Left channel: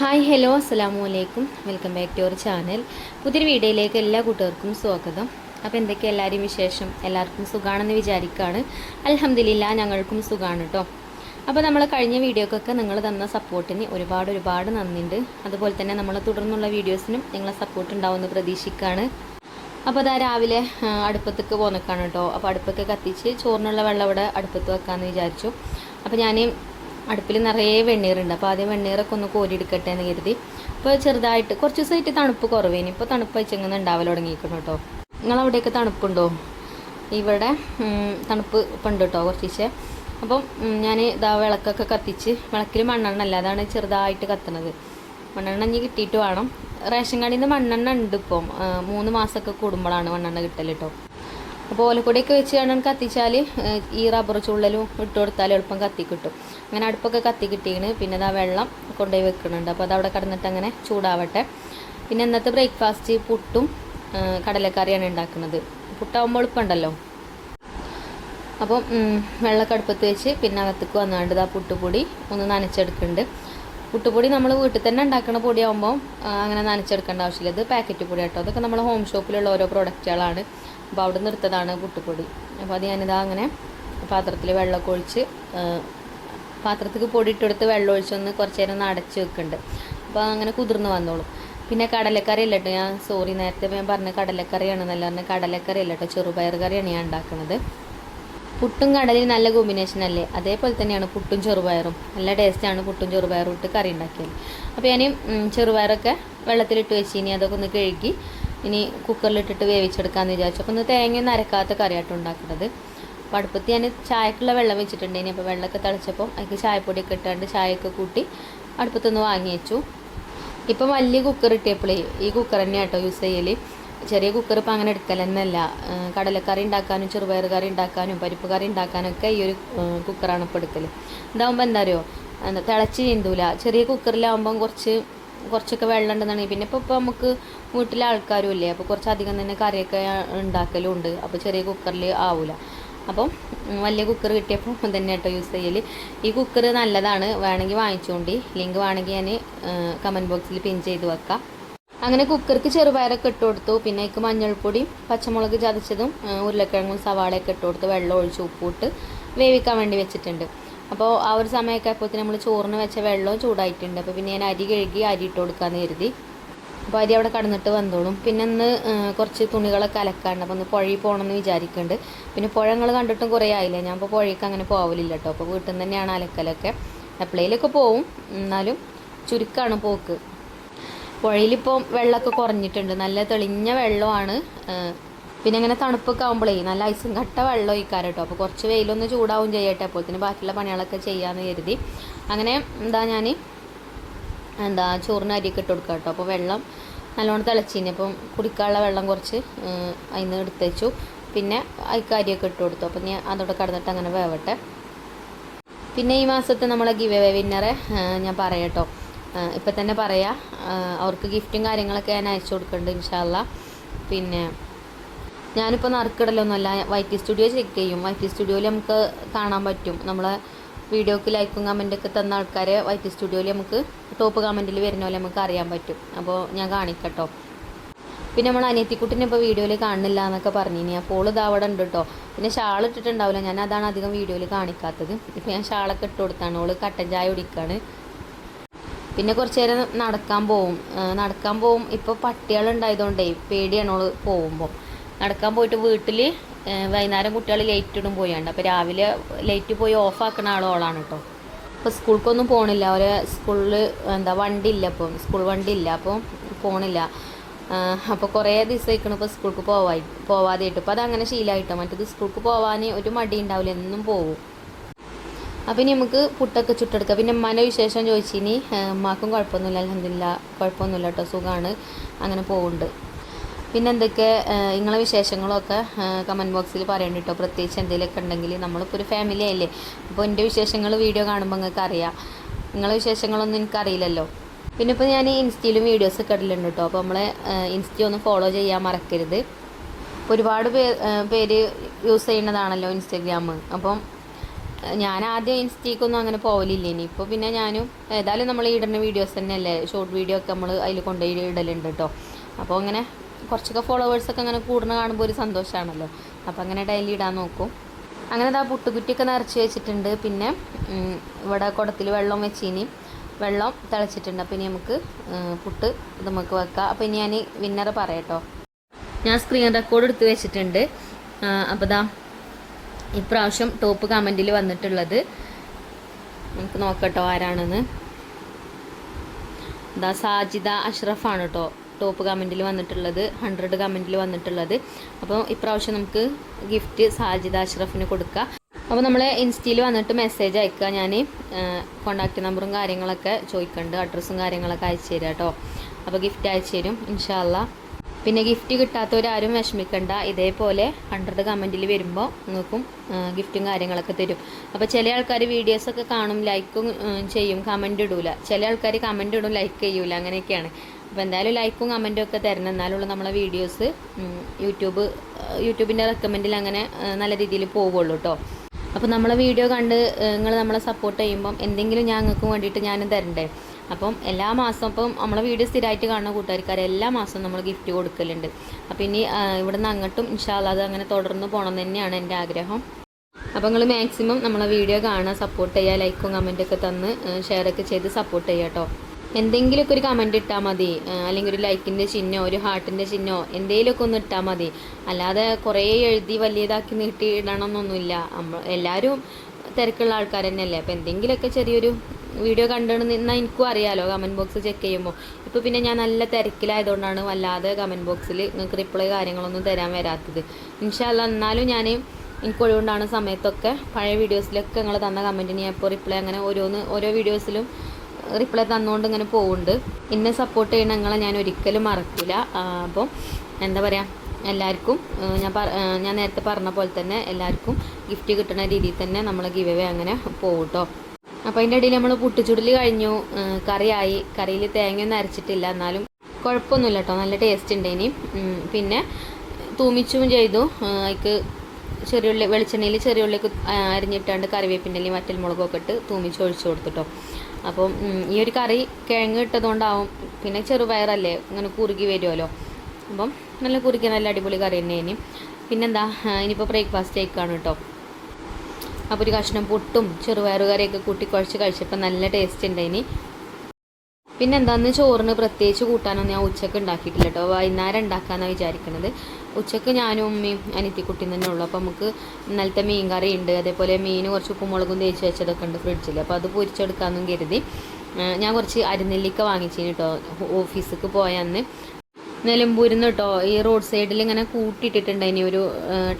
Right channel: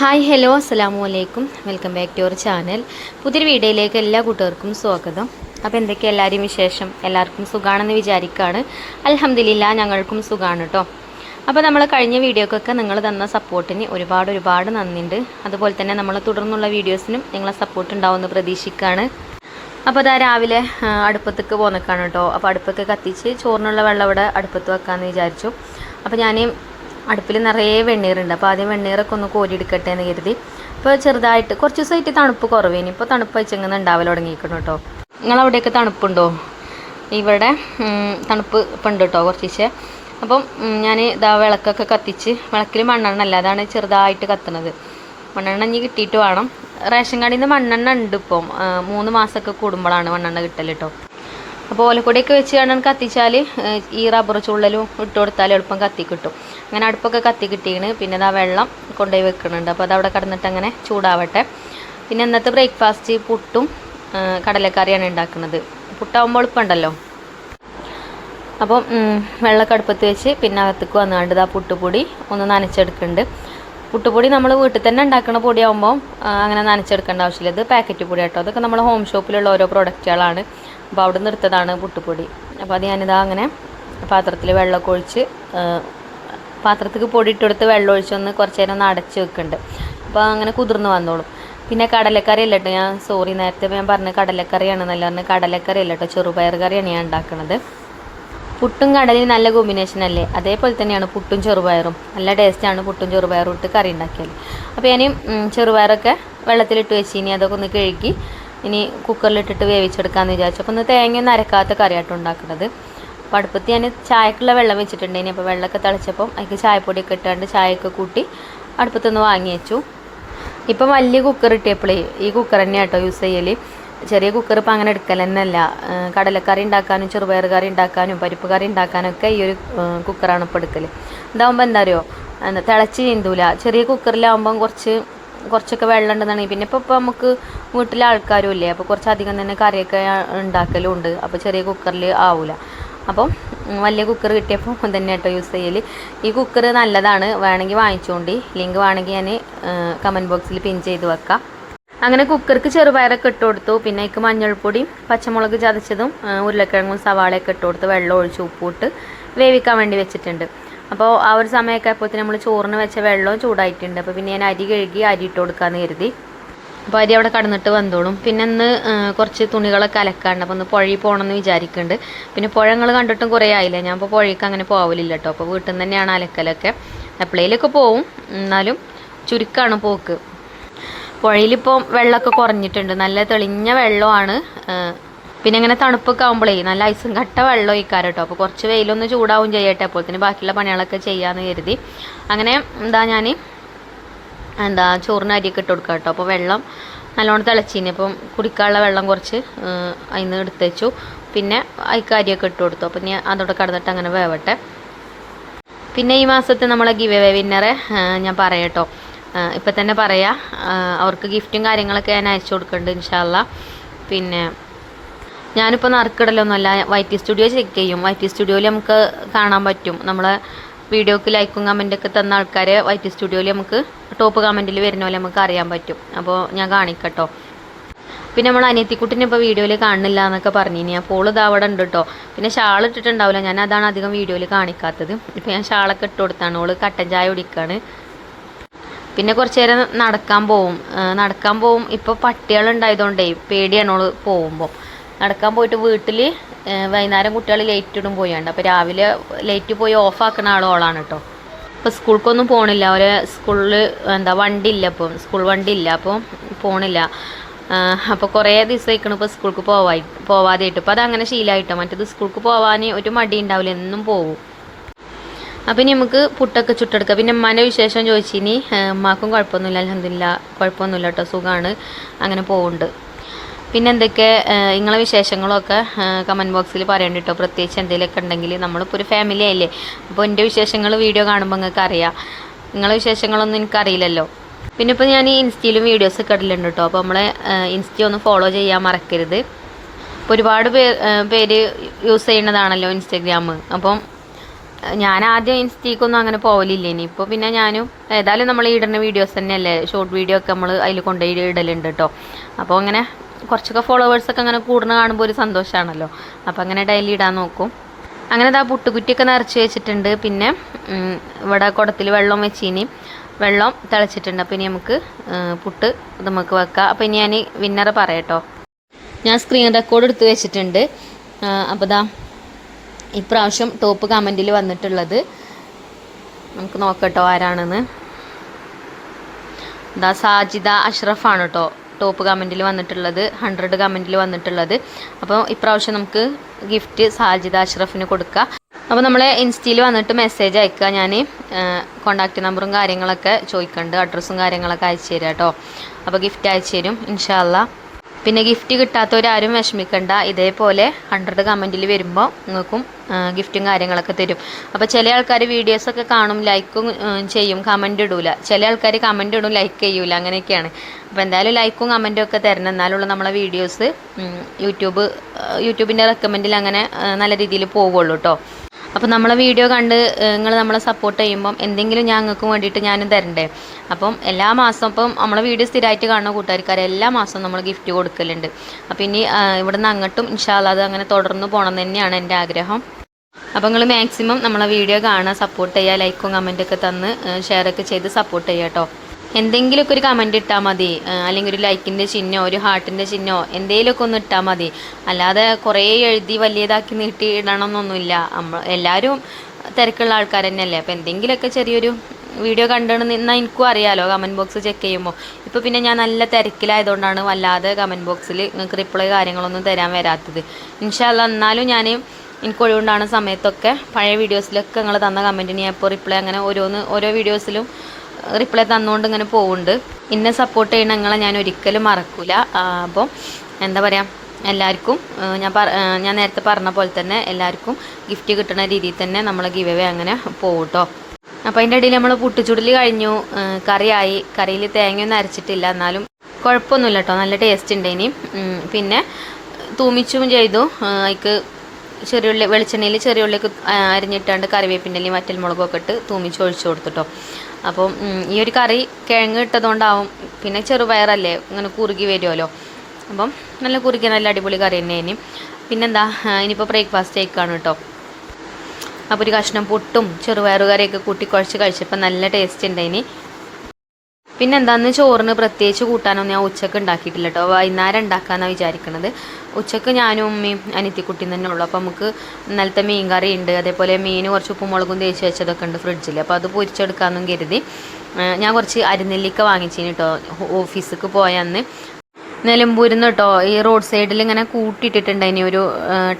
Hi hello അസ്സലാമു അലൈക്കും welcome back to our channel. പുതിയൊരു വീഡിയോയിലേക്ക് എല്ലാ കൂട്ടുകാർക്കും സ്വാഗതം. അപ്പോൾ എന്തൊക്കെയാണ് എല്ലാവരും വിശേഷം? എല്ലാവർക്കും സുഖമാണെന്ന് വിചാരിക്കുകയാണ്. അൽഹംദുലില്ലാ ഞങ്ങൾക്കും സുഖമാണ് കേട്ടോ. അപ്പോൾ നമ്മൾ കഴിഞ്ഞ വീഡിയോക്കൊക്കെ നിങ്ങൾ തന്ന സപ്പോർട്ടിന് ഒരുപാട് നന്ദിയുണ്ട്. അതുപോലെ തന്നെ നമ്മൾ തുടർന്നുള്ള വീഡിയോസിനും നിങ്ങളെ സപ്പോർട്ട് ഉണ്ടാവുമെന്ന് പ്രതീക്ഷിക്കുകയാണ്. അപ്പോൾ അതാ രാവിലെ അടുപ്പത്തേക്ക് പോന്നേക്കാണ് കേട്ടോ. അപ്പോൾ അടുപ്പൊക്കെ കത്തിച്ച് ചോറിനുള്ള വെള്ളം ഇവിടെ അടുപ്പത്ത് വെക്കാമെന്ന് വിചാരിച്ചു. അപ്പോൾ ഞാൻ അടുപ്പിൽ നിറയെ വെണ്ണീറുണ്ട്. അപ്പോൾ ആദ്യം വെണ്ണീറൊക്കെ ഒന്ന് കോരിയെടുക്കട്ടെ എന്ന് കരുതി. ഇപ്പോൾ ചെറുതായിട്ട് കുറച്ച് ദിവസമായിട്ട് തണുപ്പ് കുറവേനി. ഇപ്പോൾ തണുപ്പ് വെച്ചെങ്ങനെ ഉണ്ടാവൽ തുടങ്ങിയിരിക്കണം കേട്ടോ. നിങ്ങളവിടെയൊക്കെ തണുപ്പുണ്ടോ? ഇവിടെ തണുപ്പ് ഇപ്പം ഉണ്ട് കേട്ടോ കുറച്ച്. അപ്പം ഞാൻ ഇതാ വിളക്കൊക്കെ കത്തിച്ച്, വിളക്കിൽ മണ്ണെണ്ണ അല്ല, അതാണ് ചെറുതായിട്ട് കത്തുന്നത്. മണ്ണെണ്ണ ഇനി കിട്ടിയിട്ട് വേണം. റേഷൻ കടയിൽ നിന്ന് മണ്ണെണ്ണ ഉണ്ട് ഇപ്പം. 3 മാസമൊക്കെ കൂടുമ്പോഴാണ് മണ്ണെണ്ണ കിട്ടൽ കേട്ടോ. അപ്പോൾ ഓലക്കൊടിയൊക്കെ വെച്ച് കാണാൻ കത്തിച്ചാൽ ഈ റബ്ബർ ചുള്ളലും ഇട്ട് കൊടുത്താൽ എളുപ്പം കത്തി കിട്ടും. അങ്ങനെ അടുപ്പൊക്കെ കത്തി കിട്ടിയാണ്. പിന്നെ അതാ വെള്ളം കൊണ്ടുപോയി വെക്കുന്നുണ്ട്. അപ്പോൾ അതവിടെ കിടന്നിട്ട് അങ്ങനെ ചൂടാവട്ടെ. പിന്നെ ഇന്നത്തെ ബ്രേക്ക്ഫാസ്റ്റ് പുട്ടും കടലക്കറിയാണ് ഉണ്ടാക്കുന്നത്. പുട്ടാവുമ്പോൾ എളുപ്പമുണ്ടല്ലോ. അപ്പം വെള്ളമൊക്കെ അടുപ്പത്ത് വെച്ച് പിന്നെ അകത്തേക്ക് വന്നുകൊണ്ട് ഇതാ പുട്ടുപൊടി ഒന്ന് നനച്ചെടുക്കുന്നുണ്ട്. പുട്ടുപൊടി നമ്മൾ വീട്ടിൽ തന്നെ ഉണ്ടാക്കുന്ന പൊടിയാകുമ്പോൾ അങ്ങനെ നനച്ചെടുക്കേണ്ട ആവശ്യമില്ല. ഇത് പാക്കറ്റ് പൊടി കേട്ടോ. അതൊക്കെ നമ്മൾ ഹോം ഷോപ്പിലുള്ള ഓരോ പ്രൊഡക്റ്റുകളാണ്. അപ്പോൾ അവിടെ നിന്ന് എടുത്തതാണ് പുട്ടുപൊടി. അപ്പോൾ അത് ഞാനിതാ അങ്ങനെ പാത്രത്തിൽ വെള്ളമൊക്കെ ഒഴിച്ച് പാത്രത്തേക്ക് പൊടി ഇട്ടെടുത്ത് വെള്ളം ഒഴിച്ചൊന്ന് കുറച്ച് നേരം ഒന്ന് അടച്ച് വെക്കുന്നുണ്ട്. അപ്പോൾ അങ്ങനെ കുതിർന്ന് വന്നോളും. പിന്നെ കടലക്കറി അല്ല കേട്ടോ. നേരത്തെ ഞാൻ പറഞ്ഞ കടലക്കറിയാണെന്നല്ല പറഞ്ഞത്. കടലക്കറി അല്ല കേട്ടോ, ചെറുപയർ കറിയാണ് ഞാൻ ഉണ്ടാക്കുന്നത്. പുട്ടും കടലും നല്ല കോമ്പിനേഷൻ അല്ലേ? അതേപോലെ തന്നെയാണ് പുട്ടും ചെറുപയറും. നല്ല ടേസ്റ്റാണ് പുട്ടും ചെറുപയറും ഇട്ട് കറി ഉണ്ടാക്കിയാൽ. അപ്പോൾ ഞാൻ ചെറുപയറൊക്കെ വെള്ളത്തിലിട്ട് വെച്ച് ഇനി അതൊക്കെ ഒന്ന് കഴുകി ഇനി കുക്കറിലിട്ടിട്ട് വേവിച്ചെടുക്കാമെന്ന് വിചാരിച്ചു. അപ്പോൾ ഒന്ന് തേങ്ങയൊന്നും അരക്കാത്ത കറിയായിട്ട് ഉണ്ടാക്കുന്നത്. അപ്പോൾ അടുപ്പത്ത് ഞാൻ ചായക്കുള്ള വെള്ളം വെച്ചിട്ടുണ്ട്. ഇനി അപ്പോൾ വെള്ളമൊക്കെ തിളച്ചപ്പം അതിക്ക് ചായപ്പൊടിയൊക്കെ ഇട്ടാണ്ട് ചായയൊക്കെ കൂട്ടി അടുപ്പത്തൊന്ന് വാങ്ങി വെച്ചു. ഇപ്പം വലിയ കുക്കർ ഇട്ടിയപ്പോഴേ ഈ കുക്കർ തന്നെയാണ് കേട്ടോ യൂസ് ചെയ്യൽ. ചെറിയ കുക്കർ ഇപ്പം അങ്ങനെ എടുക്കൽ തന്നെയല്ല. കടലക്കറി ഉണ്ടാക്കാനും ചെറുപയർ കറി ഉണ്ടാക്കാനും പരിപ്പ് കറി ഉണ്ടാക്കാനൊക്കെ ഈ ഒരു കുക്കറാണ് ഇപ്പോൾ എടുക്കൽ. ഇതാകുമ്പോൾ എന്താ അറിയോ, തിളച്ച് നീന്തൂല. ചെറിയ കുക്കറിലാകുമ്പം കുറച്ചൊക്കെ വെള്ളം ഉണ്ടെന്നാണെങ്കിൽ പിന്നെ ഇപ്പോൾ നമുക്ക് വീട്ടിലെ ആൾക്കാരും ഇല്ലേ, അപ്പോൾ കുറച്ചധികം തന്നെ കറിയൊക്കെ ഉണ്ടാക്കലും ഉണ്ട്. അപ്പോൾ ചെറിയ കുക്കറിൽ ആവില്ല. അപ്പം വലിയ കുക്കർ കിട്ടിയപ്പോൾ തന്നെ കേട്ടോ യൂസ് ചെയ്യൽ. ഈ കുക്കർ നല്ലതാണ്, വേണമെങ്കിൽ വാങ്ങിച്ചുകൊണ്ട് ലിങ്ക് വേണമെങ്കിൽ ഞാൻ കമൻറ്റ് ബോക്സിൽ പിൻ ചെയ്ത് വെക്കാം. അങ്ങനെ കുക്കർക്ക് ചെറുപയറൊക്കെ ഇട്ട് കൊടുത്തു. പിന്നെ അതിക്ക് മഞ്ഞൾപ്പൊടിയും പച്ചമുളക് ചതച്ചതും ഉരുളക്കിഴങ്ങും സവാളയൊക്കെ ഇട്ട് കൊടുത്ത് വെള്ളം ഒഴിച്ച് ഉപ്പിട്ട് വേവിക്കാൻ വേണ്ടി വെച്ചിട്ടുണ്ട്. അപ്പോൾ ആ ഒരു സമയമൊക്കെ ആയപ്പോഴത്തേന് നമ്മൾ ചോറിന് വെച്ച വെള്ളവും ചൂടായിട്ടുണ്ട്. അപ്പോൾ പിന്നെ ഞാൻ അരി കഴുകി അരി ഇട്ട് കൊടുക്കാമെന്ന് കരുതി. അപ്പോൾ അരി അവിടെ കടന്നിട്ട് വന്നോളും. പിന്നെ ഇന്ന് കുറച്ച് തുണികളൊക്കെ അലക്കാണ്ട്. അപ്പോൾ ഒന്ന് പുഴയിൽ പോകണമെന്ന് വിചാരിക്കുന്നുണ്ട്. പിന്നെ പുഴങ്ങൾ കണ്ടിട്ടും കുറേ ആയില്ല. ഞാൻ ഇപ്പോൾ പുഴയ്ക്ക് അങ്ങനെ പോവലില്ല കേട്ടോ. അപ്പോൾ വീട്ടിൽ നിന്ന് തന്നെയാണ് അലക്കലൊക്കെ. എപ്പോഴേലൊക്കെ പോവും, എന്നാലും ചുരുക്കമാണ് പോക്ക്. പുഴയിലിപ്പോൾ വെള്ളമൊക്കെ കുറഞ്ഞിട്ടുണ്ട്. നല്ല തെളിഞ്ഞ വെള്ളമാണ്. പിന്നെ ഇങ്ങനെ തണുപ്പൊക്കെ ആകുമ്പോഴേ നല്ല ഐസും കട്ട വെള്ളം ഒഴിക്കാറ് കേട്ടോ. അപ്പോൾ കുറച്ച് വെയിലൊന്ന് ചൂടാവും ചെയ്യട്ടെ. അപ്പോൾ തന്നെ ബാക്കിയുള്ള പണികളൊക്കെ ചെയ്യാമെന്ന് കരുതി അങ്ങനെ ഞാൻ ചോറിന് അരിയൊക്കെ ഇട്ട് കൊടുക്കാം കേട്ടോ. അപ്പോൾ വെള്ളം നല്ലോണം തിളച്ചിന്. അപ്പം കുടിക്കാനുള്ള വെള്ളം കുറച്ച് അതിൽ നിന്ന് എടുത്ത് വെച്ചു. പിന്നെ അതിക്ക് അരിയൊക്കെ ഇട്ട് കൊടുത്തു. അപ്പം ഞാൻ അതോടെ കടന്നിട്ട് അങ്ങനെ വേവട്ടെ. പിന്നെ ഈ മാസത്തെ നമ്മളെ ഗിവ് അവേ വിന്നറെ ഞാൻ പറയാം കേട്ടോ. ഇപ്പം തന്നെ പറയാം. അവർക്ക് ഗിഫ്റ്റും കാര്യങ്ങളൊക്കെ ഞാൻ അയച്ചു കൊടുക്കുന്നുണ്ട് ഇൻഷാ അല്ലാ. പിന്നെ ഞാനിപ്പോൾ നറുക്കിടലൊന്നുമല്ല, വൈറ്റി സ്റ്റുഡിയോ ചെക്ക് ചെയ്യും. വൈറ്റി സ്റ്റുഡിയോയിൽ നമുക്ക് കാണാൻ പറ്റും. നമ്മളെ വീഡിയോക്ക് ലൈക്കും കമൻറ്റൊക്കെ തന്ന ആൾക്കാരെ വൈറ്റി സ്റ്റുഡിയോയിൽ നമുക്ക് ടോപ്പ് കമൻറ്റിൽ വരുന്ന പോലെ നമുക്ക് അറിയാൻ പറ്റും. അപ്പോൾ ഞാൻ കാണിക്കട്ടോ. പിന്നെ നമ്മൾ അനിയത്തിക്കുട്ടിനെ ഇപ്പോൾ വീഡിയോയിൽ കാണുന്നില്ല എന്നൊക്കെ പറഞ്ഞിനി. അപ്പോൾ ഇത് അവിടെ ഉണ്ട് കേട്ടോ. പിന്നെ ഷാൾ ഇട്ടിട്ടുണ്ടാവില്ല. ഞാൻ അതാണ് അധികം വീഡിയോയിൽ കാണിക്കാത്തത്. ഇപ്പോൾ ഞാൻ ഷാളൊക്കെ ഇട്ട് കൊടുത്താണ്. ഓള് കട്ടൻ ചായ കുടിക്കുകയാണ്. പിന്നെ കുറച്ച് നേരം നടക്കാൻ പോവും. ഇപ്പോൾ പട്ടികളുണ്ടായതുകൊണ്ടേ പേടിയാണ് ഓള് പോകുമ്പോൾ. നടക്കാൻ പോയിട്ട് വീട്ടിൽ വൈകുന്നേരം കുട്ടികൾ ലൈറ്റ് ഇടും പോയാണ്ട്. അപ്പോൾ രാവിലെ ലൈറ്റ് പോയി ഓഫാക്കുന്ന ഓളാണ് കേട്ടോ. ഇപ്പോൾ സ്കൂൾക്കൊന്നും പോകണില്ല. ഒരു സ്കൂളിൽ വണ്ടി ഇല്ല. ഇപ്പോൾ സ്കൂൾ വണ്ടി ഇല്ല, അപ്പോൾ പോകണില്ല. അപ്പോൾ കുറേ ദിവസമായിക്കണം ഇപ്പോൾ സ്കൂൾക്ക് പോവാതെയിട്ട്. ഇപ്പോൾ അതങ്ങനെ ശീലമായിട്ടോ. മറ്റേത് സ്കൂൾക്ക് പോകാൻ ഒരു മടി ഉണ്ടാവില്ല, എന്നും പോകും. അപ്പം ഇനി നമുക്ക് പുട്ടൊക്കെ ചുട്ടെടുക്കാം. പിന്നെ ഉമ്മാൻ്റെ വിശേഷം ചോദിച്ചിനി. ഉമ്മാക്കും കുഴപ്പമൊന്നുമില്ല, അൽഹംദുലില്ലാ കുഴപ്പമൊന്നുമില്ല കേട്ടോ, സുഖമാണ്, അങ്ങനെ പോകുന്നുണ്ട്. പിന്നെ എന്തൊക്കെ നിങ്ങളെ വിശേഷങ്ങളൊക്കെ കമൻറ്റ് ബോക്സിൽ പറയണ്ട കേട്ടോ. പ്രത്യേകിച്ച് എന്തെങ്കിലുമൊക്കെ ഉണ്ടെങ്കിൽ നമ്മളിപ്പോൾ ഒരു ഫാമിലി ആയില്ലേ. അപ്പോൾ എൻ്റെ വിശേഷങ്ങൾ വീഡിയോ കാണുമ്പോൾ നിങ്ങൾക്ക് അറിയാം. നിങ്ങളെ വിശേഷങ്ങളൊന്നും എനിക്കറിയില്ലല്ലോ. പിന്നെ ഇപ്പോൾ ഞാൻ ഇൻസ്റ്റയിലും വീഡിയോസൊക്കെ ഇടലുണ്ട് കേട്ടോ. അപ്പോൾ നമ്മളെ ഇൻസ്റ്റ ഒന്ന് ഫോളോ ചെയ്യാൻ മറക്കരുത്. ഇപ്പോൾ ഒരുപാട് പേര് യൂസ് ചെയ്യുന്നതാണല്ലോ ഇൻസ്റ്റഗ്രാം. അപ്പം ഞാൻ ആദ്യം ഇൻസ്റ്റേക്കൊന്നും അങ്ങനെ പോകലില്ല. ഇനിയിപ്പോൾ പിന്നെ ഞാനും ഏതായാലും നമ്മൾ ഇടുന്ന വീഡിയോസ് തന്നെയല്ലേ, ഷോർട്ട് വീഡിയോ ഒക്കെ നമ്മൾ അതിൽ കൊണ്ടുപോയി ഇടലുണ്ട് കേട്ടോ. അപ്പോൾ അങ്ങനെ കുറച്ചൊക്കെ ഫോളോവേഴ്സൊക്കെ അങ്ങനെ കൂടുന്ന കാണുമ്പോൾ ഒരു സന്തോഷമാണല്ലോ. അപ്പോൾ അങ്ങനെ ഡെയിലി ഇടാൻ നോക്കും. അങ്ങനെ ഇതാ പുട്ടുകുറ്റിയൊക്കെ നിറച്ച് വെച്ചിട്ടുണ്ട്. പിന്നെ ഇവിടെ കുടത്തിൽ വെള്ളം വെച്ചിനി, വെള്ളം തിളച്ചിട്ടുണ്ട്. അപ്പോൾ ഇനി നമുക്ക് പുട്ട് നമുക്ക് വെക്കാം. അപ്പോൾ ഇനി ഞാൻ വിന്നർ പറയാട്ടോ. ഞാൻ സ്ക്രീൻ റെക്കോർഡ് എടുത്ത് വെച്ചിട്ടുണ്ട്. അപ്പോൾ ഇതാ ഇപ്രാവശ്യം ടോപ്പ് കമൻറ്റിൽ വന്നിട്ടുള്ളത് നമുക്ക് നോക്കട്ടോ ആരാണെന്ന്. ഇതാ സാജിദ അഷ്റഫാണ് കേട്ടോ ടോപ്പ് കമൻറ്റിൽ വന്നിട്ടുള്ളത്, 100 കമൻറ്റിൽ വന്നിട്ടുള്ളത്. അപ്പോൾ ഇപ്രാവശ്യം നമുക്ക് ഗിഫ്റ്റ് സാജിദ അഷ്റഫിന് കൊടുക്കുക. അപ്പോൾ നമ്മളെ ഇൻസ്റ്റയിൽ വന്നിട്ട് മെസ്സേജ് അയക്കുക. ഞാൻ കോൺടാക്റ്റ് നമ്പറും കാര്യങ്ങളൊക്കെ ചോദിക്കുന്നുണ്ട്, അഡ്രസ്സും കാര്യങ്ങളൊക്കെ അയച്ചു തരാം കേട്ടോ. അപ്പോൾ ഗിഫ്റ്റ് അയച്ചു തരും ഇൻഷാ അല്ലാ. പിന്നെ ഗിഫ്റ്റ് കിട്ടാത്തവരാരും വിഷമിക്കണ്ട, ഇതേപോലെ 100 കമൻറ്റിൽ വരുമ്പോൾ നിങ്ങൾക്കും ഗിഫ്റ്റും കാര്യങ്ങളൊക്കെ തരും. അപ്പോൾ ചില ആൾക്കാർ വീഡിയോസൊക്കെ കാണും, ലൈക്കും ചെയ്യും, കമൻറ്റ് ഇടൂല. ചില ആൾക്കാർ കമൻറ്റ് ഇടും, ലൈക്ക് ചെയ്യൂല, അങ്ങനെയൊക്കെയാണ്. അപ്പോൾ എന്തായാലും ലൈക്കും കമൻറ്റും ഒക്കെ തരണം, എന്നാലുള്ള നമ്മളെ വീഡിയോസ് യൂട്യൂബിൻ്റെ റെക്കമെൻഡിൽ അങ്ങനെ നല്ല രീതിയിൽ പോവുള്ളൂ കേട്ടോ. അപ്പോൾ നമ്മളെ വീഡിയോ കണ്ട് നിങ്ങൾ നമ്മളെ സപ്പോർട്ട് ചെയ്യുമ്പം എന്തെങ്കിലും ഞങ്ങൾക്കും വേണ്ടിയിട്ട് ഞാനും തരണ്ടേ. അപ്പം എല്ലാ മാസവും ഇപ്പം നമ്മളെ വീഡിയോ സ്ഥിരമായിട്ട് കാണുന്ന കൂട്ടുകാർക്കാരെ എല്ലാ മാസവും നമ്മൾ ഗിഫ്റ്റ് കൊടുക്കലുണ്ട്. അപ്പോൾ ഇനി ഇവിടെ നിന്ന് അങ്ങോട്ടും ഇൻഷാ അല്ലാ അത് അങ്ങനെ തുടർന്ന് പോകണം തന്നെയാണ് എൻ്റെ ആഗ്രഹം. അപ്പോൾ നിങ്ങൾ മാക്സിമം നമ്മളെ വീഡിയോ കാണുക, സപ്പോർട്ട് ചെയ്യുക, ലൈക്കും കമൻറ്റൊക്കെ തന്ന് ഷെയറൊക്കെ ചെയ്ത് സപ്പോർട്ട് ചെയ്യുക കേട്ടോ. എന്തെങ്കിലുമൊക്കെ ഒരു കമൻറ്റ് ഇട്ടാൽ മതി, അല്ലെങ്കിൽ ഒരു ലൈക്കിൻ്റെ ചിഹ്നമോ ഒരു ഹാർട്ടിൻ്റെ ചിഹ്നമോ എന്തെങ്കിലുമൊക്കെ ഒന്ന് ഇട്ടാൽ മതി. അല്ലാതെ കുറേ എഴുതി വലിയതാക്കി നീട്ടി ഇടണമെന്നൊന്നുമില്ല. എല്ലാവരും തിരക്കുള്ള ആൾക്കാർ തന്നെയല്ലേ. അപ്പോൾ എന്തെങ്കിലുമൊക്കെ ചെറിയൊരു വീഡിയോ കണ്ടെന്ന് എനിക്കും അറിയാമല്ലോ കമൻറ്റ് ബോക്സ് ചെക്ക് ചെയ്യുമ്പോൾ. ഇപ്പോൾ പിന്നെ ഞാൻ നല്ല തിരക്കിലായതുകൊണ്ടാണ് വല്ലാതെ കമൻറ്റ് ബോക്സിൽ നിങ്ങൾക്ക് റിപ്ലൈ കാര്യങ്ങളൊന്നും തരാൻ വരാത്തത്. ഇൻഷാ അല്ലാ എന്നാലും ഞാൻ എനിക്ക് ഒഴിവുണ്ടാകുന്ന സമയത്തൊക്കെ പഴയ വീഡിയോസിലൊക്കെ നിങ്ങൾ തന്ന കമൻറ്റിന് ഞാൻ ഇപ്പോൾ റിപ്ലൈ അങ്ങനെ ഓരോ വീഡിയോസിലും റിപ്ലൈ തന്നുകൊണ്ട് ഇങ്ങനെ പോകുന്നുണ്ട്. ഇന്നെ സപ്പോർട്ട് ചെയ്യണ നിങ്ങളെ ഞാൻ ഒരിക്കലും മറക്കില്ല. അപ്പോൾ എന്താ പറയുക, എല്ലാവർക്കും ഞാൻ നേരത്തെ പറഞ്ഞ പോലെ തന്നെ എല്ലാവർക്കും ഗിഫ്റ്റ് കിട്ടുന്ന രീതിയിൽ തന്നെ നമ്മൾ ഗിവ് അവേ അങ്ങനെ പോകും കേട്ടോ. അപ്പോൾ അതിൻ്റെ ഇടയിൽ നമ്മൾ പുട്ടുചുടൽ കഴിഞ്ഞു, കറിയായി. കറിയിൽ തേങ്ങയൊന്നും അരച്ചിട്ടില്ല, എന്നാലും കുഴപ്പമൊന്നുമില്ല കേട്ടോ, നല്ല ടേസ്റ്റ് ഉണ്ട്. ഇനി പിന്നെ തൂമിച്ചും ചെയ്തു. അതിക്ക് വെളിച്ചെണ്ണയിൽ ചെറിയ ഉള്ളിയൊക്കെ അരിഞ്ഞിട്ടാണ്ട് കറിവേപ്പിൻ്റെയും വറ്റൽമുളകൊക്കെ ഇട്ട് തൂമിച്ച് ഒഴിച്ചു കൊടുത്തിട്ടോ. അപ്പം ഈ ഒരു കറി കിഴങ്ങ് ഇട്ടതുകൊണ്ടാവും, പിന്നെ ചെറുപയറല്ലേ ഇങ്ങനെ കുറുകി വരുമല്ലോ. അപ്പം നല്ല കുറുകിയ നല്ല അടിപൊളി കറി തന്നെ. ഇനി പിന്നെന്താ, ഇനിയിപ്പോൾ ബ്രേക്ക്ഫാസ്റ്റ് കഴിക്കാണ് കേട്ടോ. അപ്പോൾ ഒരു കഷ്ണം പുട്ടും ചെറുപയറു കറിയൊക്കെ കൂട്ടി കുഴച്ച് കഴിച്ചപ്പോൾ നല്ല ടേസ്റ്റ് ഉണ്ട്. ഇനി പിന്നെന്താന്ന് ചോറിന് പ്രത്യേകിച്ച് കൂട്ടാനൊന്നും ഞാൻ ഉച്ചക്ക് ഉണ്ടാക്കിയിട്ടില്ല കേട്ടോ, വൈകുന്നേരം ഉണ്ടാക്കാമെന്നാണ് വിചാരിക്കുന്നത്. ഉച്ചക്ക് ഞാനും ഉമ്മയും അനിയത്തിക്കുട്ടിയും തന്നെ ഉള്ളൂ. അപ്പോൾ നമുക്ക് ഇന്നലത്തെ മീൻ കറി ഉണ്ട്, അതേപോലെ മീൻ കുറച്ച് ഉപ്പും മുളകും തേച്ച് വെച്ചതൊക്കെ ഉണ്ട് ഫ്രിഡ്ജിൽ. അപ്പോൾ അത് പൊരിച്ചെടുക്കാമെന്നും കരുതി ഞാൻ കുറച്ച് അരിനെല്ലിക്ക വാങ്ങിച്ചിന് കേട്ടോ ഓഫീസിലേക്ക് പോയന്ന്. നിലമ്പൂരിൽ നിന്ന് കേട്ടോ, ഈ റോഡ് സൈഡിൽ ഇങ്ങനെ കൂട്ടിയിട്ടിട്ടുണ്ടായിനി ഒരു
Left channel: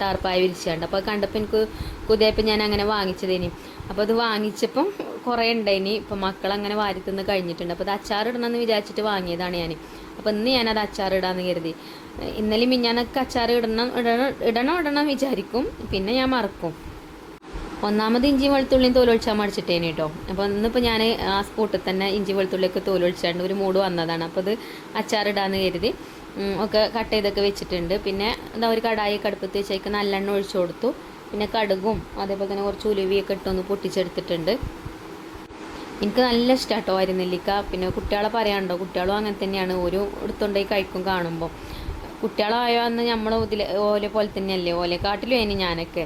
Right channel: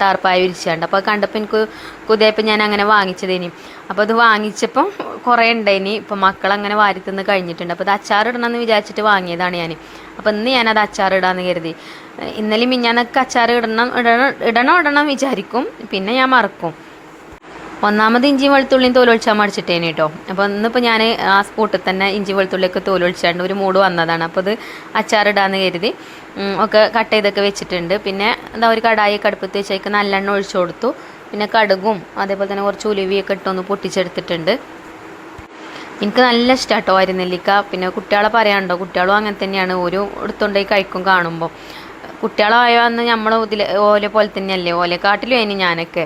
ടാർപ്പായ വിരിച്ചാണ്ട്. അപ്പോൾ കണ്ടപ്പോൾ എനിക്ക് കുതിയപ്പോൾ ഞാൻ അങ്ങനെ വാങ്ങിച്ചതേനി. അപ്പോൾ അത് വാങ്ങിച്ചപ്പം കുറേ ഉണ്ടായിനി. ഇപ്പോൾ മക്കളങ്ങനെ വാരി തിന്ന് കഴിഞ്ഞിട്ടുണ്ട്. അപ്പോൾ അത് അച്ചാറിടണമെന്ന് വിചാരിച്ചിട്ട് വാങ്ങിയതാണ് ഞാൻ. അപ്പോൾ ഇന്ന് ഞാനത് അച്ചാറിടാമെന്ന് കരുതി. ഇന്നലെ മിഞ്ഞാന്നൊക്കെ അച്ചാർ ഇടണം വിചാരിക്കും, പിന്നെ ഞാൻ മറക്കും. ഒന്നാമത് ഇഞ്ചിയും വെളുത്തുള്ളിയും തോലൊഴിച്ചാൽ മടിച്ചിട്ടേനെ കേട്ടോ. അപ്പോൾ ഇന്നിപ്പോൾ ഞാൻ ആ സ്പോട്ടിൽ തന്നെ ഇഞ്ചി വെളുത്തുള്ളിയൊക്കെ തോലൊഴിച്ചാണ്ട് ഒരു മൂഡ് വന്നതാണ്. അപ്പോൾ അത് അച്ചാറിടാന്ന് കരുതി ഒക്കെ കട്ട് ചെയ്തൊക്കെ വെച്ചിട്ടുണ്ട്. പിന്നെ എന്താ ഒരു കടായി അടുപ്പത്ത് വെച്ചേക്ക് നല്ലെണ്ണ ഒഴിച്ചു കൊടുത്തു. പിന്നെ കടുകും അതേപോലെ തന്നെ കുറച്ച് ഉലുവിയൊക്കെ ഇട്ടൊന്ന് പൊട്ടിച്ചെടുത്തിട്ടുണ്ട്. എനിക്ക് നല്ല ഇഷ്ടമാണ് കേട്ടോ അരിനെല്ലിക്ക. പിന്നെ കുട്ടികളെ പറയാനുണ്ടോ, കുട്ടികളും അങ്ങനെ തന്നെയാണ്, ഒരു എടുത്തുകൊണ്ടേ കഴിക്കും കാണുമ്പോൾ. കുട്ടികളായ അന്ന് നമ്മൾ ഓല പോലെ തന്നെയല്ലേ, ഓലക്കാട്ടിലും അതിന് ഞാനൊക്കെ.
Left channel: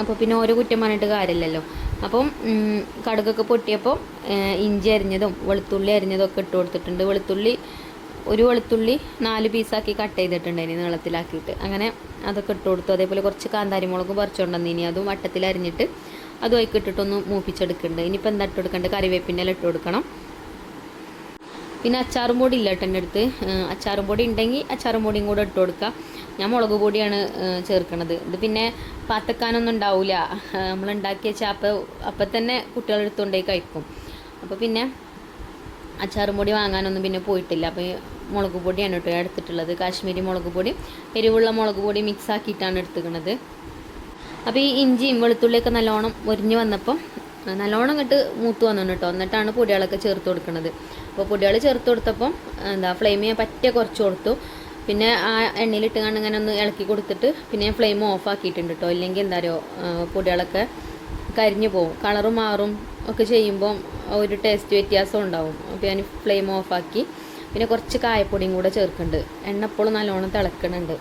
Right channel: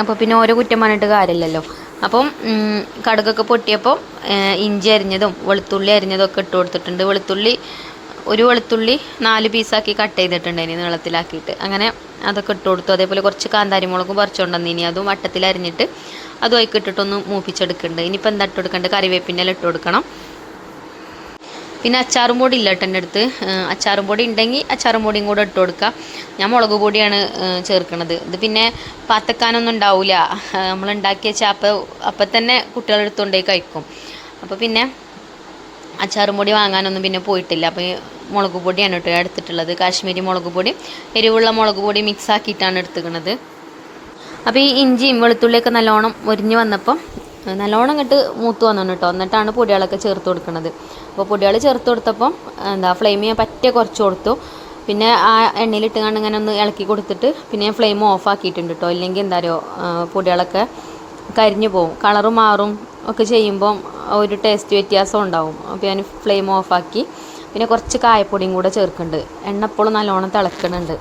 അപ്പോൾ പിന്നെ ഓരോ കുറ്റം പറഞ്ഞിട്ട് കാര്യമില്ലല്ലോ. അപ്പം കടുകൊക്കെ പൊട്ടിയപ്പോൾ ഇഞ്ചി അരിഞ്ഞതും വെളുത്തുള്ളി അരിഞ്ഞതും ഒക്കെ ഇട്ട് കൊടുത്തിട്ടുണ്ട്. ഒരു വെളുത്തുള്ളി 4 പീസാക്കി കട്ട് ചെയ്തിട്ടുണ്ട് ഇനി നീളത്തിലാക്കിയിട്ട്, അങ്ങനെ അതൊക്കെ ഇട്ട് കൊടുത്തു. അതേപോലെ കുറച്ച് കാന്താരി മുളകും പറിച്ചുകൊണ്ടുവന്നു, ഇനി അതും വട്ടത്തിൽ അരിഞ്ഞിട്ട് അതും അതിൽ ഇട്ടിട്ടൊന്ന് മൂപ്പിച്ചെടുക്കുന്നുണ്ട്. ഇനിയിപ്പോൾ എന്താ ഇട്ട് കൊടുക്കേണ്ടത്, കറിവേപ്പിൻ്റെ എല്ലാം ഇട്ട് കൊടുക്കണം. പിന്നെ അച്ചാറും പൊടി ഇല്ല കേട്ടോ എൻ്റെ അടുത്ത്. അച്ചാറും പൊടി ഉണ്ടെങ്കിൽ അച്ചാറും പൊടിയും കൂടെ ഇട്ട് കൊടുക്കുക. ഞാൻ മുളക് പൊടിയാണ് ചേർക്കുന്നത്. ഇത് പിന്നെ പാത്തക്കാനൊന്നും ഉണ്ടാവില്ല, നമ്മളുണ്ടാക്കിയ വെച്ചാൽ അപ്പം തന്നെ കുട്ടികളെടുത്തുകൊണ്ടേ കഴിക്കും. അപ്പോൾ പിന്നെ അച്ചാറും പൊടി വാങ്ങാനൊന്നും പിന്നെ പോയിട്ടില്ല. അപ്പോൾ മുളക് പൊടിയാണ് കേട്ടോ എടുത്തിട്ടുള്ളത്, കാശ്മീരി മുളക് പൊടി, എരിവുള്ള മുളക് പൊടി മിക്സ് ആക്കിയിട്ടാണ് എടുത്തുക്കുന്നത്. അപ്പോൾ ഈ ഇഞ്ചിയും വെളുത്തുള്ളിയൊക്കെ നല്ലോണം ഒരിഞ്ഞ് വന്നപ്പം നല്ലോണം ഇങ്ങോട്ട് മൂത്ത് വന്നു കേട്ടോ. എന്നിട്ടാണ് പൊടികളൊക്കെ ചേർത്ത് കൊടുക്കുന്നത്. അപ്പോൾ പൊടികൾ ചേർത്ത് കൊടുത്തപ്പം ഫ്ലെയിം ഞാൻ പറ്റേ കുറച്ച് കൊടുത്തു. പിന്നെ ആ എണ്ണയിലിട്ട് കണ്ട് ഇങ്ങനെ ഒന്ന് ഇളക്കി കൊടുത്തിട്ട് പിന്നെ ഫ്ലെയിം ഓഫ് ആക്കിയിട്ടുണ്ട് കേട്ടോ. ഇല്ലെങ്കിൽ എന്താ പറയുക പൊടികളൊക്കെ കരിഞ്ഞു പോകും, കളറ് മാറും ഒക്കെ ചെയ്യുമ്പം ഒരു ടേസ്റ്റ് വ്യത്യാസം ഉണ്ടാവും. അപ്പോൾ ഞാൻ ഫ്ലെയിം ഓഫാക്കി പിന്നെ കുറച്ച് കായപ്പൊടിയും കൂടെ ചേർക്കുന്നുണ്ട്. എണ്ണ എപ്പോഴും നല്ലോണം തിളക്കുന്നുണ്ട്.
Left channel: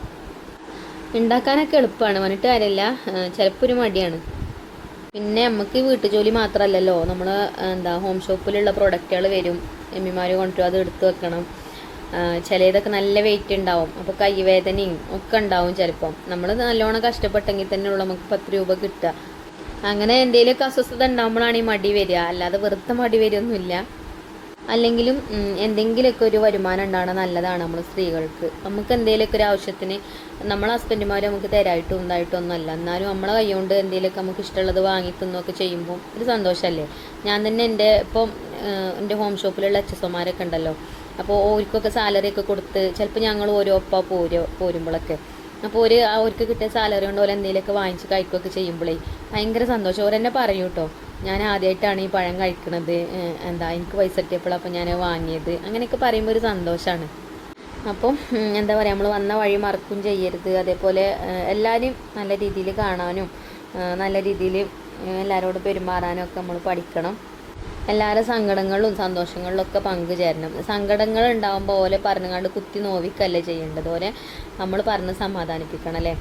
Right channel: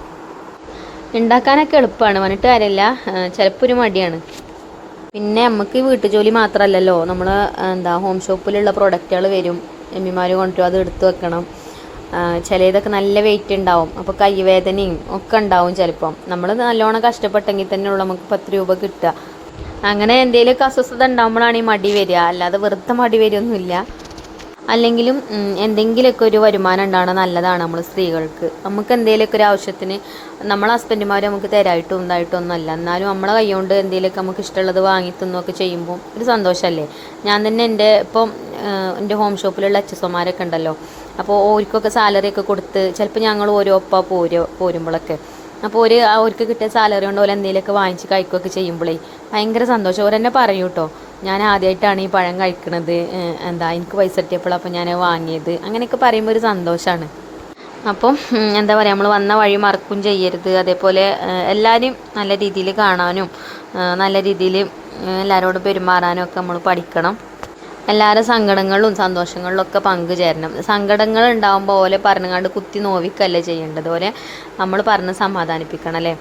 ഉണ്ടാക്കാനൊക്കെ എളുപ്പമാണ്, വന്നിട്ട് കാര്യമില്ല, ചിലപ്പോൾ ഒരു മടിയാണ്. പിന്നെ നമുക്ക് ഈ വീട്ടുജോലി മാത്രമല്ലല്ലോ, നമ്മൾ ഹോം ഷോപ്പിലുള്ള പ്രൊഡക്റ്റുകൾ വരും, എമ്മിമാർ കൊണ്ടുവരും, അത് എടുത്ത് വെക്കണം. ചിലതൊക്കെ നല്ല വെയിറ്റ് ഉണ്ടാവും, അപ്പോൾ കൈവേദനയും ഒക്കെ ഉണ്ടാവും. ചിലപ്പം നമ്മൾ നല്ലോണം കഷ്ടപ്പെട്ടെങ്കിൽ തന്നെ ഉള്ളൂ നമുക്ക് 10 രൂപ കിട്ടുക. അങ്ങനെ എന്തെങ്കിലുമൊക്കെ അസ്വസ്ഥത ഉണ്ടാകുമ്പോഴാണ് ഈ മടി വരിക, അല്ലാതെ വെറുതെ മടി വരികയൊന്നുമില്ല. അല്ലെങ്കിലും എന്തെങ്കിലുമൊക്കെ ഒരു വരുമാനം ഉണ്ടാവണം നല്ലതാണ് നമ്മൾ സ്ത്രീകൾക്ക്. നമുക്ക് എന്തെങ്കിലുമൊക്കെ ഒരു ആവശ്യത്തിന് നമ്മളെ ഹസ്ബൻഡുമാർ നമുക്ക് തരായിട്ടും ഉണ്ടായിട്ടൊന്നുമല്ല, എന്നാലും നമ്മളെ കൈകൊണ്ട് എന്തെങ്കിലുമൊക്കെ നമുക്ക് ഇഷ്ടമുള്ളത് വാങ്ങി തിന്നൊക്കെ ചെയ്യുമ്പോൾ ഒരു സന്തോഷമല്ലേ. ഞാൻ തന്നെ എൻ്റെ ഹോം ഷോപ്പിലുള്ള HSOമാരൊക്കെ ഉണ്ടല്ലോ, അപ്പോൾ ഓർക്കൊക്കെ സാലറി ഒക്കെ കൊടുത്ത് ചിലപ്പോൾ ഞങ്ങൾ ഓരോ ഒപ്പ പോരുമ്പോഴൊക്കെ അപ്പോൾ അവർക്ക് കിട്ടിയ സാലറി കൊണ്ട് ഓരോ എന്തെങ്കിലുമൊക്കെ വാങ്ങിച്ച് കഴിക്കുകയൊക്കെ ചെയ്യുമ്പോഴേ ഭയങ്കര സന്തോഷം. ഓരെന്നെ പറയൂ കേട്ടോ, ഞാൻ ആദ്യമായിട്ടാണ് ഈ പഴം കഴിക്കണത്, എനിക്ക് പൈസ കിട്ടിയപ്പോൾ അപ്പോൾ ഞാൻ വാങ്ങിയത്, അങ്ങനെയൊക്കെ പറയുമ്പോൾ ഒരു സന്തോഷമാണ്. അപ്പം എന്താ പറയുക, നമ്മൾ വന്ന വഴി മറക്കും ചെയ്യരുത്. അതേപോലെ എല്ലാവരും നല്ല രീതിയിൽ കാണാനും നല്ല രീതിയിൽ എല്ലാവരോടും പെരുമാറാനും ഒക്കെ നമ്മൾ പഠിക്കണം. എല്ലാവരും സങ്കടങ്ങളിലും സന്തോഷങ്ങളിലും ഒക്കെ പങ്കുചേരണം. സങ്കടങ്ങൾ ഉണ്ടാകുമ്പോൾ ഓലെ പറഞ്ഞുകൊണ്ട് കുത്തി നോവിക്കല്ലേ ചെയ്യേണ്ടത്, ഓലെ നമ്മൾ പറഞ്ഞ് സമാധാനിപ്പിക്കണം അല്ലേ.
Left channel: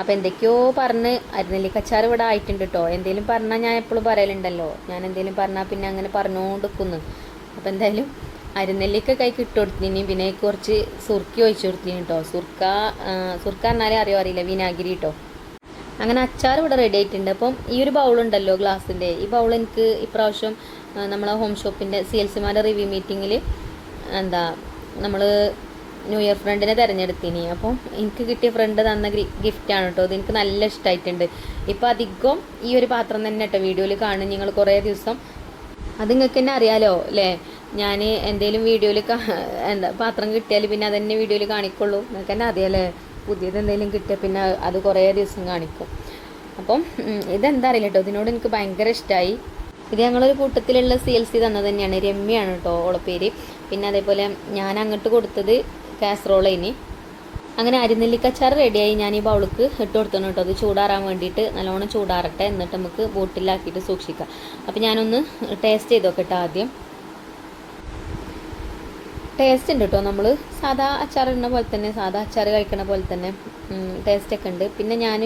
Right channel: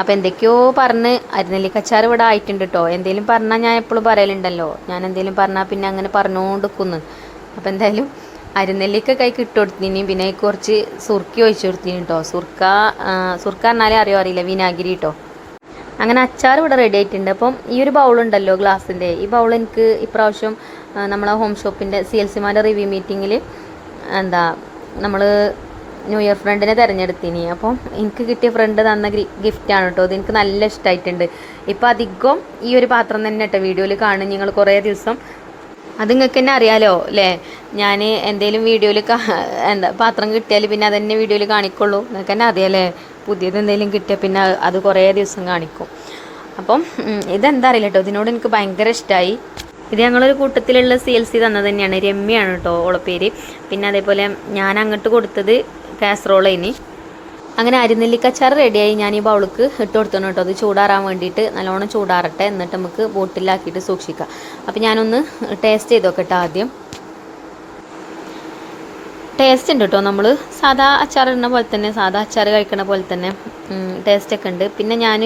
അപ്പോൾ എന്തൊക്കെയോ പറഞ്ഞ് അരിനെല്ലിക്കച്ചാർ ഇവിടെ ആയിട്ടുണ്ട് കേട്ടോ. എന്തെങ്കിലും പറഞ്ഞാൽ ഞാൻ എപ്പോഴും പറയലുണ്ടല്ലോ, ഞാൻ എന്തെങ്കിലും പറഞ്ഞാൽ പിന്നെ അങ്ങനെ പറഞ്ഞുകൊണ്ടിരിക്കുന്നു. അപ്പോൾ എന്തായാലും അരിനെല്ലിക്ക കൈക്ക് ഇട്ട് കൊടുത്തിന്, പിന്നെ കുറച്ച് സുർക്കി ഒഴിച്ചു കൊടുത്തിന് കേട്ടോ. സുർക്ക എന്നാലേ അറിയില്ല, വിനാഗിരി കേട്ടോ. അങ്ങനെ അച്ചാർ ഇവിടെ റെഡി ആയിട്ടുണ്ട്. അപ്പം ഈ ഒരു ബൗളുണ്ടല്ലോ ഗ്ലാസിൻ്റെ, ഈ ബൗൾ എനിക്ക് ഇപ്രാവശ്യം നമ്മളെ ഹോം ഷോപ്പിൻ്റെ CLCമാരുടെ റിവ്യൂ മീറ്റിങ്ങിൽ നമ്മൾ ന്യൂ ഇയർ ഫ്രണ്ടിനെ തിരഞ്ഞെടുത്തിന്. അപ്പം എനിക്ക് കിട്ടിയ ഫ്രണ്ട് തന്ന ഗിഫ്റ്റാണ് കേട്ടോ. ഇത് എനിക്ക് നല്ല ഇഷ്ടമായിട്ടുണ്ട്. ഇപ്പം അധികം ഈ ഒരു പാത്രം തന്നെ കേട്ടോ വീഡിയോയിൽ കാണും നിങ്ങൾ കുറേ ദിവസം. അത് നിങ്ങൾക്ക് തന്നെ അറിയാലോ അല്ലേ, ഞാൻ എന്തെങ്കിലും വീഡിയോയിൽ പാത്രം കിട്ടിയാൽ പിന്നെ അതന്നെ വീഡിയോയിൽ കാണിക്കുള്ളൂ. നിങ്ങൾക്ക് തന്നെ അറിയാലേ, പുതിയത് എന്തെങ്കിലും കിട്ടിയാൽ പിന്നെ അത് കുറേ ദിവസം കാണിക്കും. അപ്പം ഇതെന്താ അറിയില്ല കേട്ടോ, ഇതിനോട് എനിക്ക് ഭയങ്കര ഇഷ്ടമായി. ഇത് ഞങ്ങളൊരു കൂട്ടത്തിലുള്ള CLC തന്നത് തന്നെയാണ്, രമ്യയാണ് കേട്ടോ ഓളെ പേര്. പിന്നെ അതേപോലെ ഞാൻ അങ്ങോട്ട് കൊടുത്തത് കാസറോളേനി. അങ്ങനെ അരിനെല്ലിക്കച്ചാർ റെഡിയായി. ഞാൻ ഈ ബൗൾക്ക് ഇട്ട് കൊടുത്തു കേട്ടോ, അത് ചൂടാറാൻ വേണ്ടിയിട്ട്. നല്ലോണം ചൂടാറട്ടെ, എന്നിട്ട് നമുക്ക് ബോട്ടിലാക്കിയിട്ട് സൂക്ഷിക്കാം. അപ്പോൾ ഞാനൊന്ന് ടേസ്റ്റ് ചെയ്ത് നോക്കട്ടെ ആദ്യം. ടേസ്റ്റ് ഉണ്ട് കേട്ടോ, നമ്മൾ സാധാ അച്ചാർ ഇടുന്ന പോലെ തന്നെ, സാധാ അച്ചാർ കഴിക്കണ പോലെ തന്നെ ടേസ്റ്റൊക്കെ ഉണ്ട്. പിന്നെ ഞാൻ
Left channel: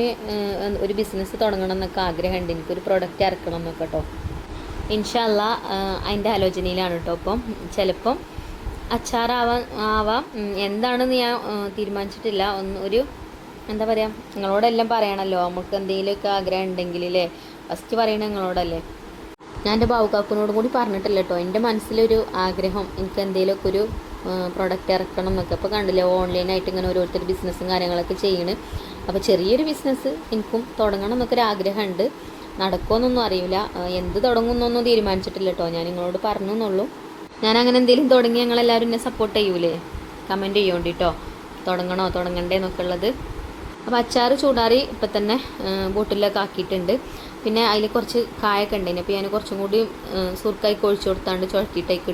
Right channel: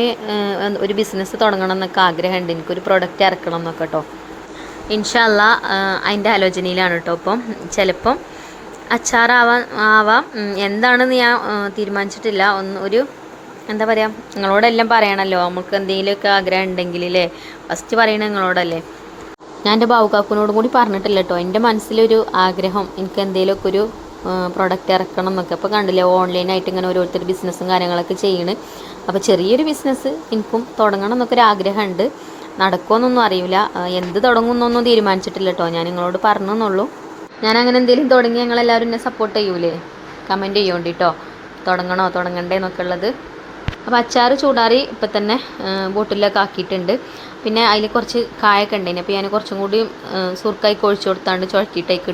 ഒരു ബിസിനസ് തുടങ്ങണം എന്നൊക്കെ ആഗ്രഹമുണ്ട്, എനിക്കൊരു പ്രൊഡക്റ്റ് ഇറക്കണം എന്നൊക്കെ കേട്ടോ. ഇൻഷാ അല്ലാ അതിൻ്റെ ആലോചനയിലാണ് കേട്ടോ. അപ്പം ചിലപ്പം ആവാം, എന്താണെന്ന് ഞാൻ തീരുമാനിച്ചിട്ടില്ല. ഒരു എന്താ പറയുക, നിങ്ങളോടെല്ലാം പറയണമല്ലോ, നമുക്ക് എന്തെങ്കിലുമൊക്കെ ആഗ്രഹം ഉണ്ടെങ്കിൽ അല്ലേ, ഫസ്റ്റ് പറയണത് നിങ്ങളോടല്ലേ. ഞാൻ എൻ്റെ ബാവുക്കാക്കുനോടും കൂടി പറഞ്ഞിട്ടില്ല കേട്ടോ, എൻ്റെ മനസ്സിലൊരു ആഗ്രഹം, എനിക്ക് എന്തെങ്കിലുമൊക്കെ ഒരു പ്രൊഡക്റ്റ് ഇറക്കണം എന്നൊക്കെ. അപ്പോൾ കണ്ടില്ലേ, ഓൺലൈനായിട്ട് ഇങ്ങനെ ഓരോരുത്തർ ബിസിനസ്സും കാര്യങ്ങളൊക്കെ ചെയ്യണ്. അപ്പോൾ ചെറിയൊരു ബിസിനസ് എനിക്കും തുടങ്ങണം എന്നൊക്കെ ഒരു ആഗ്രഹമുണ്ട്. നടക്കുമെന്നൊന്നും അറിയില്ല, എന്ത് തുടങ്ങുമെന്നൊന്നും തീരുമാനിച്ചിട്ടില്ല കേട്ടോ. ഞാൻ നിങ്ങളോട് പറഞ്ഞെന്നുള്ളൂ. ഞാൻ അങ്ങനെ എന്തെങ്കിലും തുടങ്ങി ഞങ്ങളെല്ലാവരും എന്നെ സപ്പോർട്ട് ചെയ്യൂലേ, കമൻറ്റ് ചെയ്യുകൊണ്ട് കേട്ടോ, തുടങ്ങണോ തുടങ്ങണ്ടേ എന്നൊക്കെ ഉള്ളത്. അപ്പോൾ അച്ചാർ ചൂടാറി ഇപ്പം തന്നെ ബോട്ടിലൊക്കെ ആക്കിയിട്ടുണ്ട്. പിന്നെ അതിൽ കുറച്ച് കായൊക്കെ ഉണ്ടായിന്, അപ്പോൾ ഞാൻ കുറച്ചും കൂടി സുർക്കായ്ക്ക് ഒഴിച്ചു കൊടുത്താണ്ട് ചുഴക്കിയിട്ടേക്ക്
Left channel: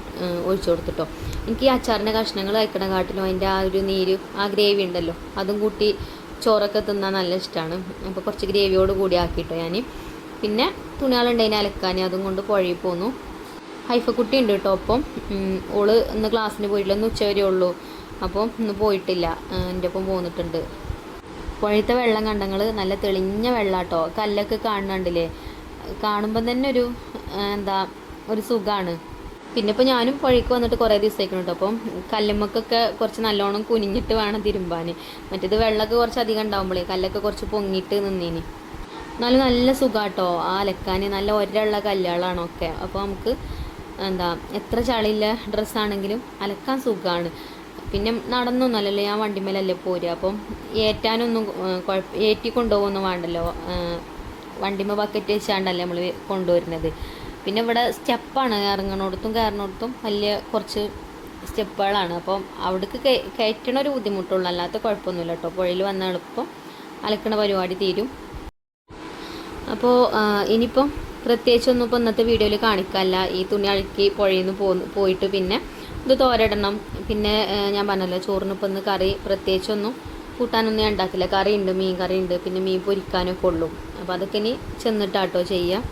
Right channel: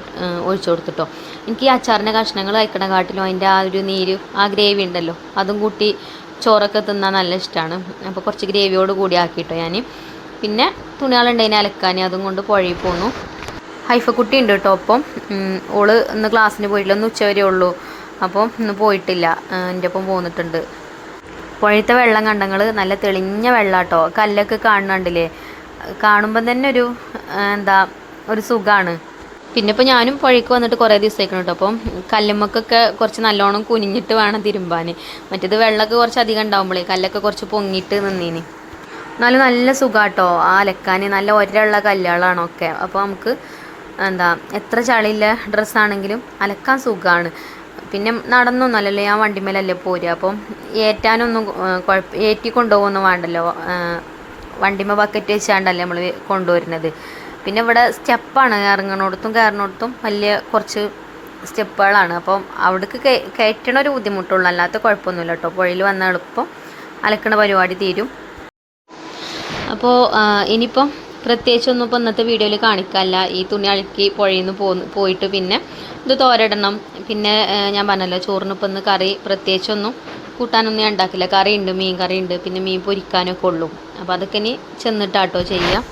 ഒഴിച്ചു കൊടുത്തിട്ടോ. എനിക്ക് ഈ അച്ചാറിൻ്റെ കഷ്ണങ്ങൾ കഴിക്കണ കാട്ടിലും അതിൻ്റെ ആ ഒരു നീര്, ആ ഗ്രേവി ഉണ്ടല്ലോ, അതും കൂട്ടി ചോറൊക്കെ തിന്നാൻ നല്ല ഇഷ്ടമാണ്. അപ്പോൾ കുറച്ച് ഗ്രേവിയോട് കൂടി ആക്കിയിട്ടോ ഞാൻ. പിന്നെ തുണികളുണ്ടതിനെ അലക്കാൻ, അതും കൊണ്ട് പുഴയിൽ പോന്നു. ഹൈഫക്കുട്ടി ഉണ്ട് കേട്ടോ. അപ്പം ഓള് ഇന്ന് ക്ലാസ്സിന് പോയിട്ടില്ല, ഒന്ന് ഉച്ചവരെ ഉള്ളൂ. അപ്പം ഇന്ന് പോയിട്ടില്ല, എൻ്റെ ഒപ്പം പോന്നിട്ടുണ്ട്. പുഴയത്തെ വെള്ളം കണ്ടങ്ങൾ നല്ല തെളിഞ്ഞ വെള്ളം കേട്ടോ, കല്ലൊക്കെ കാണുന്നുണ്ടില്ലേ, കാണുമ്പം തന്നെ ഒരു സുഖമാണ്. പിന്നെ ഇപ്പോൾ ഞാനും പുഴയ്ക്ക് വന്നിട്ട് കുറേ ദിവസമായിരിക്കണം കേട്ടോ. അപ്പം കല്ലുമ്മക്കൊക്കെ കുറച്ച് നല്ലോണം കുനിഞ്ഞിട്ട് വേണം തിരുമ്പാൻ. മറ്റേത് വെള്ളമൊക്കെ കുറച്ച് അധികം ഉണ്ടാകുമ്പോഴേ കല്ലൊക്കെ കുറച്ച് പൊങ്ങിയിട്ട് നിന്നീന്. എന്നാലും നല്ല സുഖാട്ടോ ആ അലക്കാൻ, നല്ല ഒരയുള്ള കല്ലുകളാണ് ഒക്കെ. അപ്പോൾ നമുക്ക് എത്ര ചളിയില്ല ഡ്രസ്സാണെങ്കിലും അലക്കാൻ സുഖമാണ്. പിന്നെ നടന്നൊന്നും അല്ലല്ലോ, ഞാൻ വണ്ടിമേലല്ലേ പോരുക. അപ്പം ഏറ്റാനൊന്നും ഏറ്റി കൊണ്ടുപോകൊന്നും വേണ്ടല്ലോ, വണ്ടിമ ബക്കറ്റ് വെച്ചാണ്ടല്ലേ നമ്മൾ കൊണ്ടുവരുന്നത്. പിന്നെ ഇവിടെ സ്റ്റെപ്പാണ്, ഇറങ്ങണോടത്തും കയറണോടത്തും വലിയ കുറച്ച് സ്റ്റെപ്പുകളാണ്. അപ്പം അവിടേക്ക് കയറ്റണ ഒരു ബുദ്ധിമുട്ടുള്ളൂ, അല്ലാത്ത കുഴപ്പമൊന്നുമില്ല കേട്ടോ. പുഴയിൽ വന്ന എളുപ്പം അലക്കണ പരിപാടി തീരും. അപ്പോൾ ഇനിയിപ്പം പ്രത്യേകിച്ചൊന്നും ഇപ്പോൾ ഇന്നത്തെ വീഡിയോയിൽ കാണിക്കാമല്ല. ഈ തുണി അഴുക്കി പുഴയിൽ നിന്ന് പോയിട്ട് പിന്നെ ഇത് തോരയിടണം. പിന്നെ ഞാൻ പറഞ്ഞല്ലോ ചോറിനിപ്പോൾ ഇന്ന് കറി പ്രത്യേകിച്ചൊന്നും കൂട്ടാനൊന്നും ഞാൻ ഉണ്ടാക്കില്ല. കറിയുണ്ട്, മീൻ കറിയുണ്ട്, പിന്നെ മീൻ പൊരിക്കാനൊക്കെ ഉള്ളൂ. അപ്പോൾ അതൊക്കെ ഇനി ചെന്നിട്ടാട്ടോ ചെയ്യാം.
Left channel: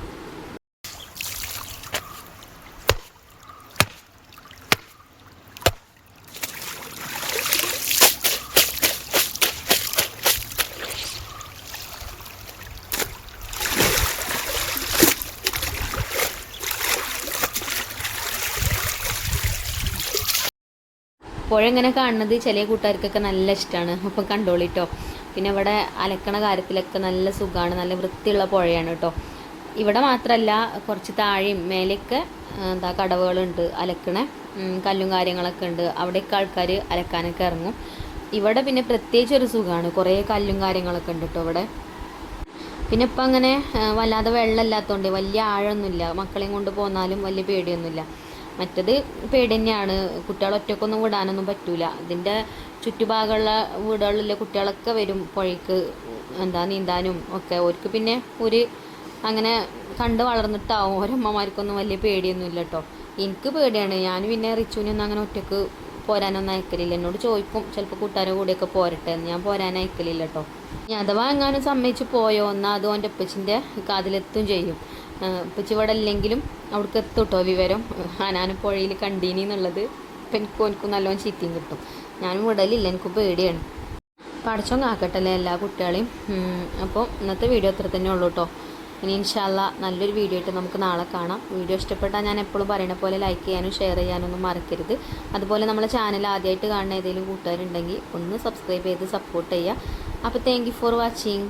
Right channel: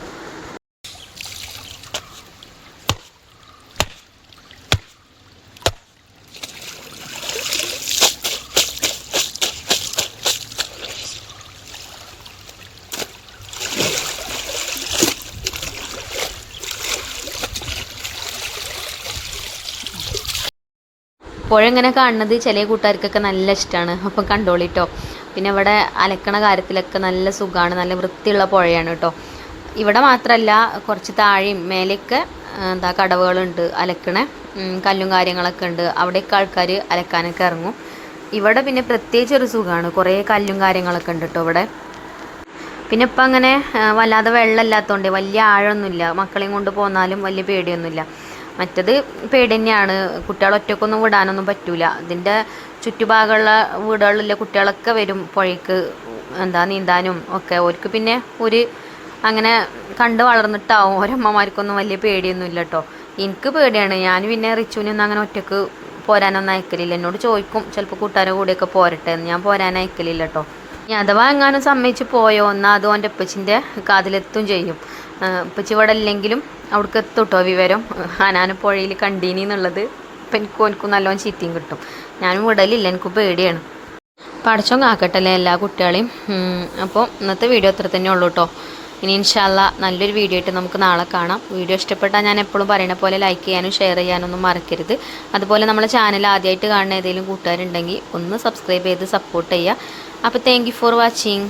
പുഴ ഇങ്ങനെ കാണുന്നത് ചില കൂട്ടുകാർക്കൊക്കെ നല്ല ഇഷ്ടമാണ്. അപ്പം കണ്ടോളിട്ടോ. പിന്നെ ഇവിടെ അലക്കണ കാര്യത്തിലൊക്കെ നല്ല സുഖമാണ്, നല്ല വൃത്തിയുള്ള പുഴയാണ് കേട്ടോ. ഇവിടെ മാത്രമല്ല, കുറച്ച് താഴെയും മേലെയൊക്കെ എന്താ കടവുകളുണ്ട്, അലക്കണ കല്ലും കാര്യങ്ങളൊക്കെ ഉണ്ട്. അവിടെയൊക്കെ ആൾക്കാർ അലക്കാനൊക്കെ ഇറങ്ങും. ഇവിടെ പിന്നെ പ്രത്യേകിച്ചൊരു സുഖമാണ്, കുറേ കല്ലും കാര്യങ്ങളൊക്കെ ഉണ്ട് കേട്ടോ ഇവിടെ. പിന്നെ ഇപ്പം അങ്ങനെ വല്ലാതെ വെള്ളമില്ലാത്തതുകൊണ്ട് വലിയ ആഴമൊന്നുമില്ല. മക്കളെയും കൊണ്ട് പോന്നാലും വലിയ പേടിയൊന്നുമില്ല. മറ്റത് പേടി തന്നെയാണ്, കുട്ടികളെ ഒറ്റക്കൊന്നും വിടാനൊന്നും പറ്റൂല. ഇതിൻ്റെ ചുറ്റുഭാഗമുള്ള വീടുകളിലുള്ള കുട്ടികളൊക്കെ വരും പുഴയ്ക്ക് നീന്താനും ഒക്കെ. ഓർക്ക് പിന്നെ അങ്ങനെ കണ്ട് വളർന്നിട്ടാവും. ഓരമ്മമാർക്കൊന്നും വലിയ പേടിയൊന്നും ഇല്ല കേട്ടോ. എനിക്ക് പേടിയാണ്. ഞാൻ പിന്നെ റിച്ചുവിനൊന്നും അങ്ങനെ ഒറ്റക്ക് പോരാനൊന്നും അയക്കലില്ല. എന്നോട് ചോദിക്കും ചിലപ്പോൾ കൂട്ടുകാരെ കൂടെയൊക്കെ പോരട്ടെ എന്ന്. ഞാൻ പോരാൻ അയക്കലില്ല കേട്ടോ. ഇനി അഥവാ എങ്ങാനും സമ്മതിച്ച് പോയോ എന്നാൽ അതും എൻ്റെ ഉപ്പച്ചിൻ്റെ കാതിലെത്തും ചെയ്യും. ഉപ്പച്ചി ഇവിടെ ഇല്ലെങ്കിലും അവിടേക്ക് എത്തും കേട്ടോ വിവരം. ഹനാൻ പുഴയിൽ കണ്ടീനി എന്നുള്ളത്. ഇപ്പം എനിക്കും നല്ലോണം ചീത്തയും കിട്ടും. ഞാനും വിടലില്ല, എനിക്ക് പേടിയാണ്. പടച്ചോൻ കാക്കട്ടല്ലേ എല്ലാ കുട്ടികളെയും. അപ്പോൾ ഇന്നത്തെ വീഡിയോ അത്ര തന്നെ ഉള്ളൂ കേട്ടോ. ഇനി ഇൻഷാ അല്ലാ നല്ലൊരു വീഡിയോ ആയിട്ട് നമുക്ക് നാളെ കാണാം. വീഡിയോ ഇഷ്ടപ്പെട്ടാൽ ഞാൻ എപ്പോഴും പറയുന്ന പോലെ ലൈക്ക് ചെയ്യാനും ഷെയർ ചെയ്യാനൊന്നും മറക്കരുത്. അതുപോലെ നമ്മളെ ചാനൽ ആദ്യമായിട്ട് കാണുന്ന ഏതെങ്കിലും കൂട്ടുകാരുണ്ടെങ്കിൽ ഒന്ന് സബ്സ്ക്രൈബ് ചെയ്ത് സപ്പോർട്ട് ചെയ്യുക. അപ്പോൾ താങ്ക് യു ഫോർ വാച്ചിങ്.